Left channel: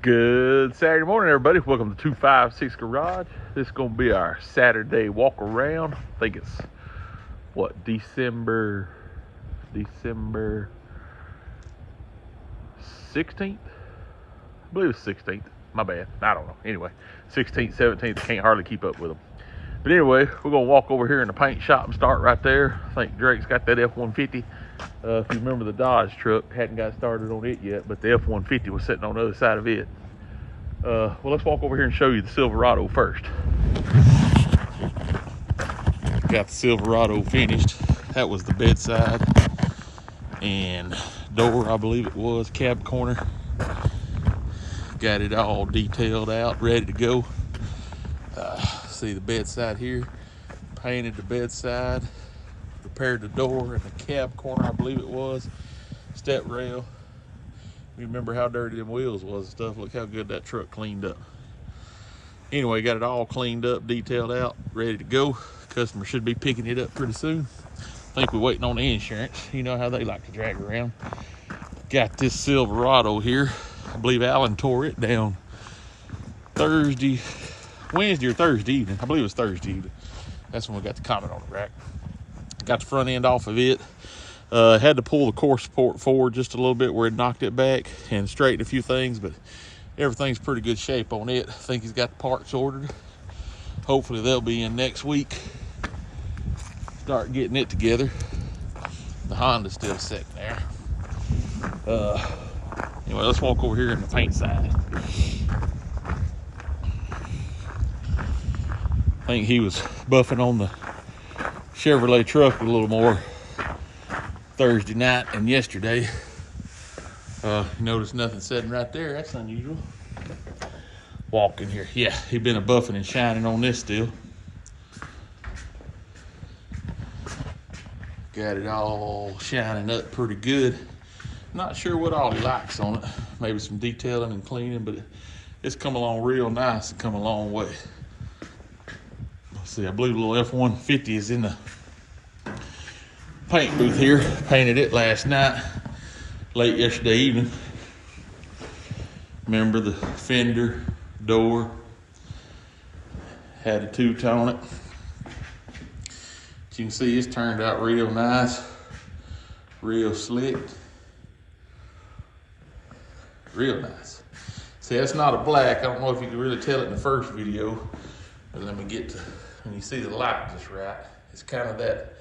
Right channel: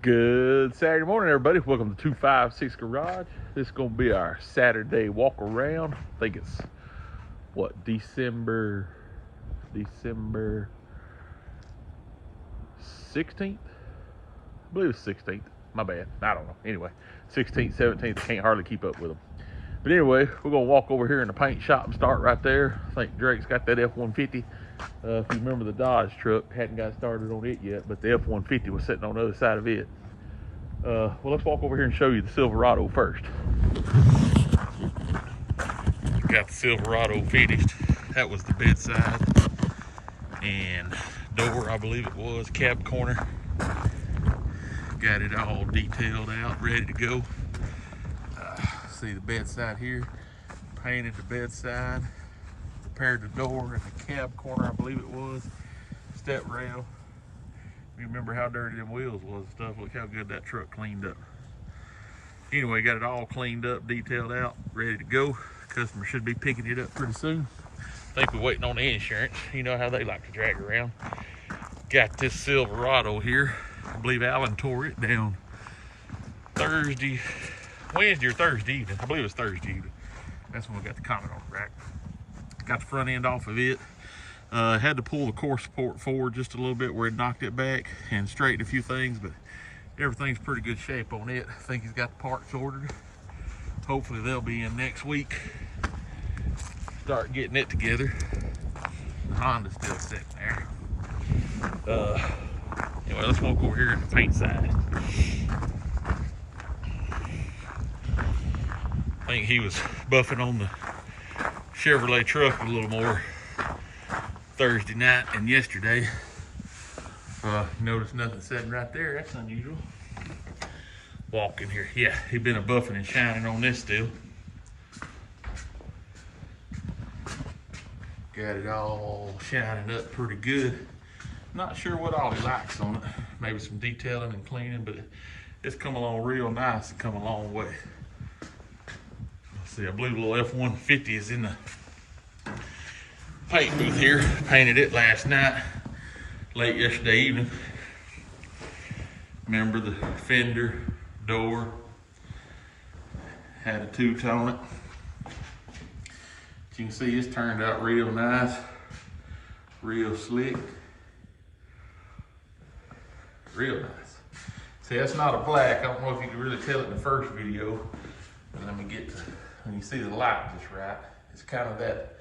Good Saturday morning, everybody. Welcome to 256 Garage. This is going to be our Saturday walk around. I think it's December 16th? I believe it's 16th. My bad. I don't know. Anyway, 16th, 17th. I can't hardly keep up with them. But anyway, we're going to walk over here in the paint shop and start right there. I think Drake's got that F-150. If you remember the Dodge truck, hadn't got started on it yet, but the F-150 was sitting on the other side of it. Well, let's walk over here and show you the Silverado first. Got the Silverado finished. That was the bedside and door, I believe it was, cab corner. Got it all detailed out, ready to go. See the bedside here, painted the bedside, repaired the door and the cab corner, I believe it was, step rail. You remember how dirty them wheels was and stuff. Look how good that truck cleaned up. Anyway, got it all cleaned up, detailed out, ready to go. Customer should be picking it up pretty soon. I think we're waiting on the insurance. You know how they like to drag around. Got this Silverado here. I believe Alan tore it down Wednesday or Thursday evening. I believe it was Thursday evening. That's when we got the comment on the rack. Got the front end off of it. Had to pull the core support forward just a little bit where it knocked it back and straighten a few things, but everything's pretty good shape on it. I think he's got the parts ordered. Hopefully they'll be in next week. Start getting it together. The Honda's still sitting there. Anyway, let's walk over here in the paint side. I think he was buffing on the Chevrolet truck a little more Thursday night and yesterday. Notice nothing sitting right there. That's unusual. Walk in here. Yeah, he been a buffing and shining on this still. Got it all shining up pretty good. Not sure what all he likes on it. Maybe some detailing and cleaning, but it's come along real nice and come a long way. Let's see, I believe the little F-150 is in the paint booth here. Painted it last night, late yesterday evening. Remember the fender, door, had a two-tone it. As you can see, it's turned out real nice, real slick, real nice. See, that's not a black. I don't know if you can really tell it in the first video, but let me get to, when you see the light just right, it's kind of that,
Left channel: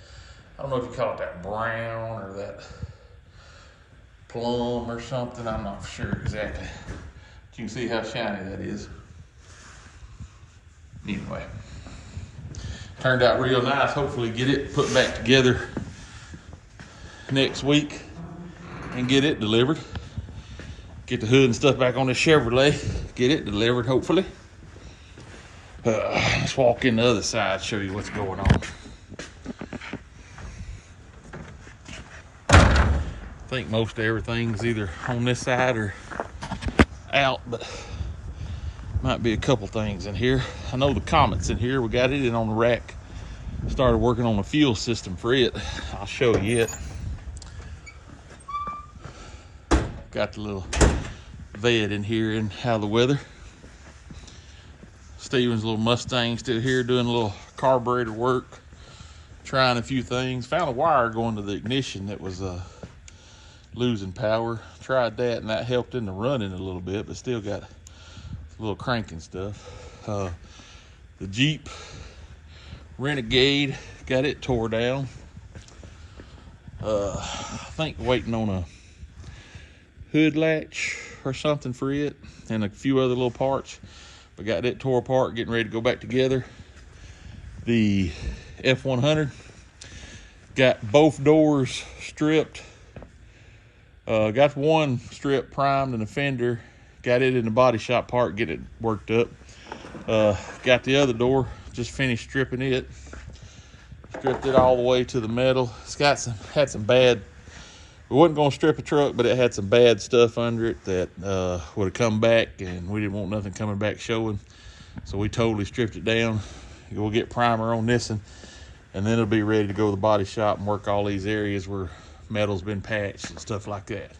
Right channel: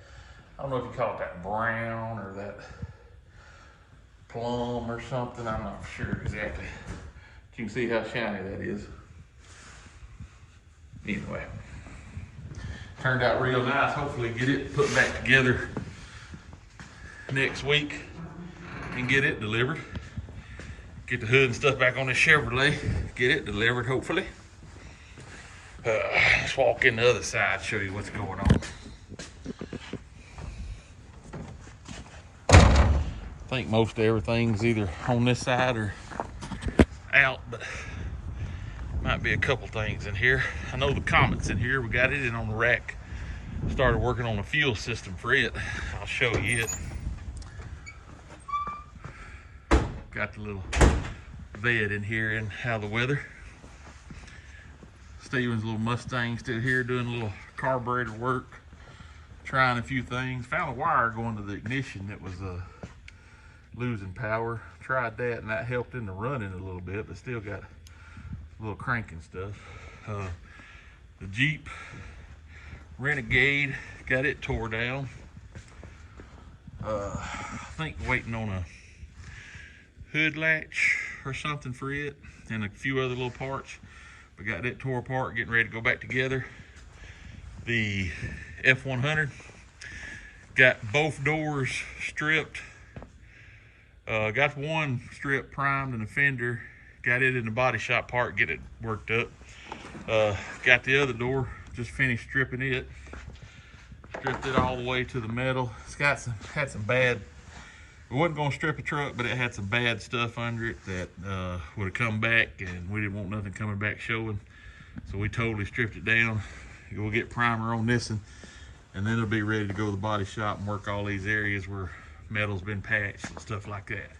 I don't know if you call it that brown or that plum or something. I'm not sure exactly. But you can see how shiny that is. Anyway, turned out real nice. Hopefully get it put back together next week and get it delivered. Get the hood and stuff back on the Chevrolet. Get it delivered, hopefully. Let's walk in the other side, show you what's going on. I think most of everything's either on this side or out, but might be a couple things in here. I know the Comet's in here. We got it in on the rack. Started working on the fuel system for it. I'll show you it. Got the little vet in here in How the Weather. Steven's little Mustang still here doing a little carburetor work. Trying a few things. Found a wire going to the ignition that was losing power. Tried that and that helped in the running a little bit, but still got a little cranking stuff. The Jeep Renegade, got it tore down. I think waiting on a hood latch or something for it and a few other little parts, but got that tore apart, getting ready to go back together. The F-100, got both doors stripped. Got one strip primed and a fender, got it in the body shop part, get it worked up. Got the other door, just finished stripping it. Stripped it all the way to the metal. It's got had some bad, we wasn't gonna strip a truck, but it had some bad stuff under it that would have come back, and we didn't want nothing coming back showing. So we totally stripped it down. We'll get primer on this and then it'll be ready to go to the body shop and work all these areas where metal's been patched and stuff like that.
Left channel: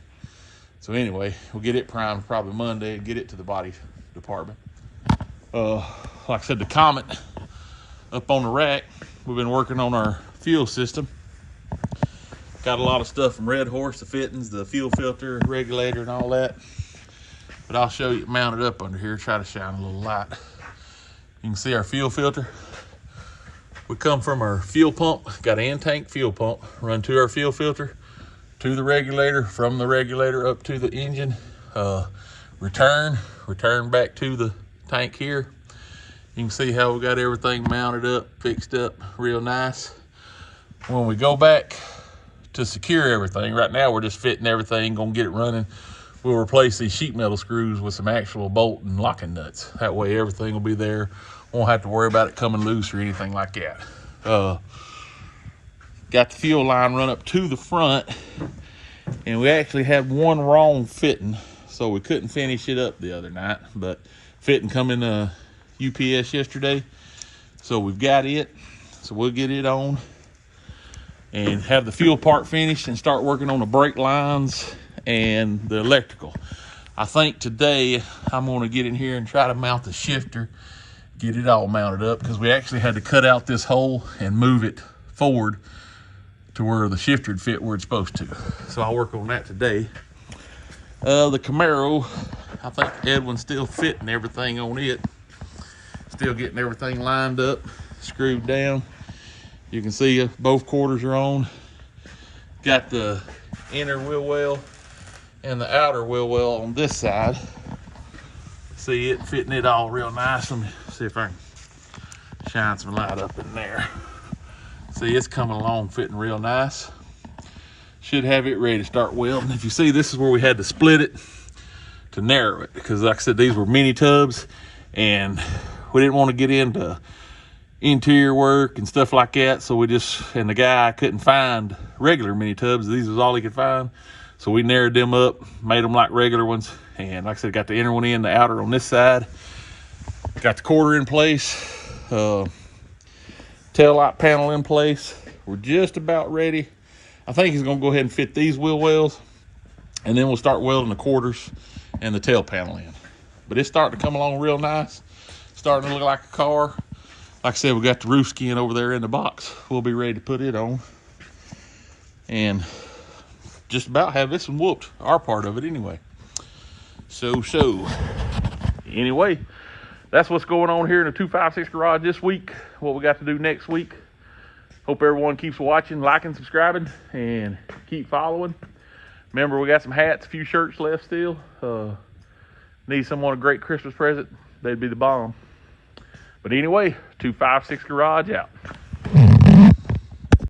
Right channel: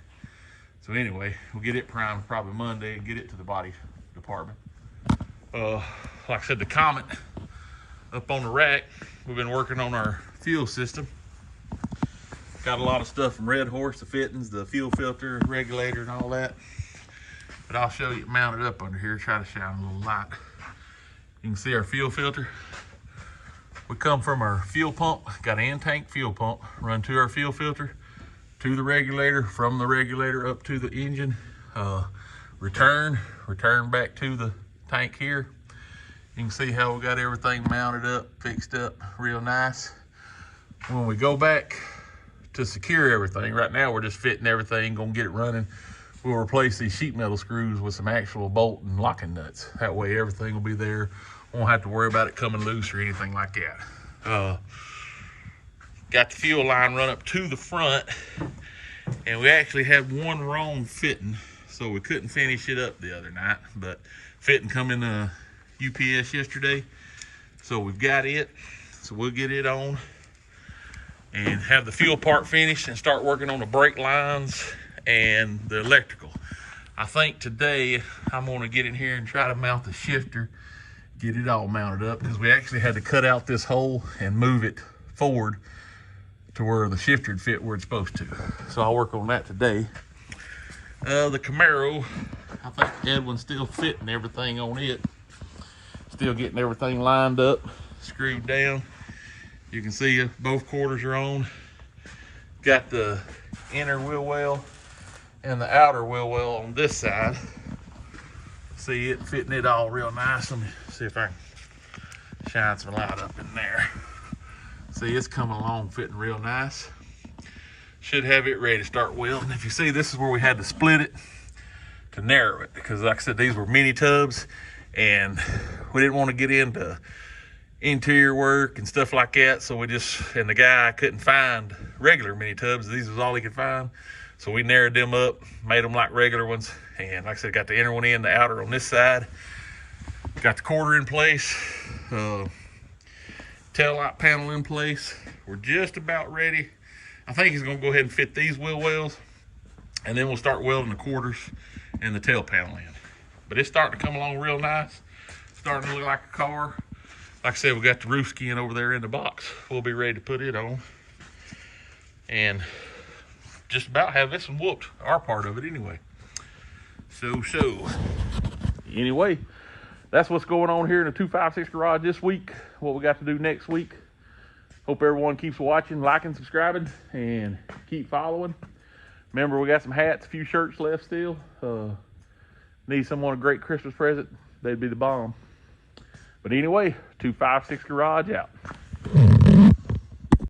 So anyway, we'll get it primed probably Monday and get it to the body department. Like I said, the Comet up on the rack, we've been working on our fuel system. Got a lot of stuff from Red Horse, the fittings, the fuel filter, regulator, and all that. But I'll show you it mounted up under here, try to shine a little light. You can see our fuel filter. We come from our fuel pump, got an in-tank fuel pump, run to our fuel filter, to the regulator, from the regulator up to the engine, return back to the tank here. You can see how we got everything mounted up, fixed up real nice. When we go back to secure everything, right now we're just fitting everything, gonna get it running. We'll replace these sheet metal screws with some actual bolt and locking nuts. That way everything will be there. Won't have to worry about it coming loose or anything like that. Got the fuel line run up to the front, and we actually had one wrong fitting, so we couldn't finish it up the other night, but fitting come in the UPS yesterday, so we've got it. So we'll get it on and have the fuel part finished and start working on the brake lines and the electrical. I think today I'm going to get in here and try to mount the shifter, get it all mounted up, because we actually had to cut out this hole and move it forward to where the shifter would fit where it's supposed to. So I'll work on that today. The Camaro, I think Edwin's still fitting everything on it. Still getting everything lined up, screwed down. You can see both quarters are on. Got the inner wheel well and the outer wheel well on this side. See it fitting it all real nice. Let me see if I can shine some light up in there. See, it's coming along fitting real nice. Should have it ready to start welding. If you see, this is where we had to split it to narrow it, because like I said, these were mini tubs and we didn't want to get into interior work and stuff like that. So and the guy couldn't find regular mini tubs. These was all he could find. So we narrowed them up, made them like regular ones. And like I said, got the inner one in, the outer on this side. Got the quarter in place. Tail light panel in place. We're just about ready. I think he's gonna go ahead and fit these wheel wells, and then we'll start welding the quarters and the tail panel in. But it's starting to come along real nice. Starting to look like a car. Like I said, we got the roof skin over there in the box. We'll be ready to put it on. And just about have this one whooped, our part of it anyway. So, anyway, that's what's going on here in the 256 garage this week. What we got to do next week. Hope everyone keeps watching, liking, subscribing, and keep following. Remember, we got some hats, a few shirts left still. Need someone a great Christmas present, they'd be the bomb. But anyway, 256 garage out.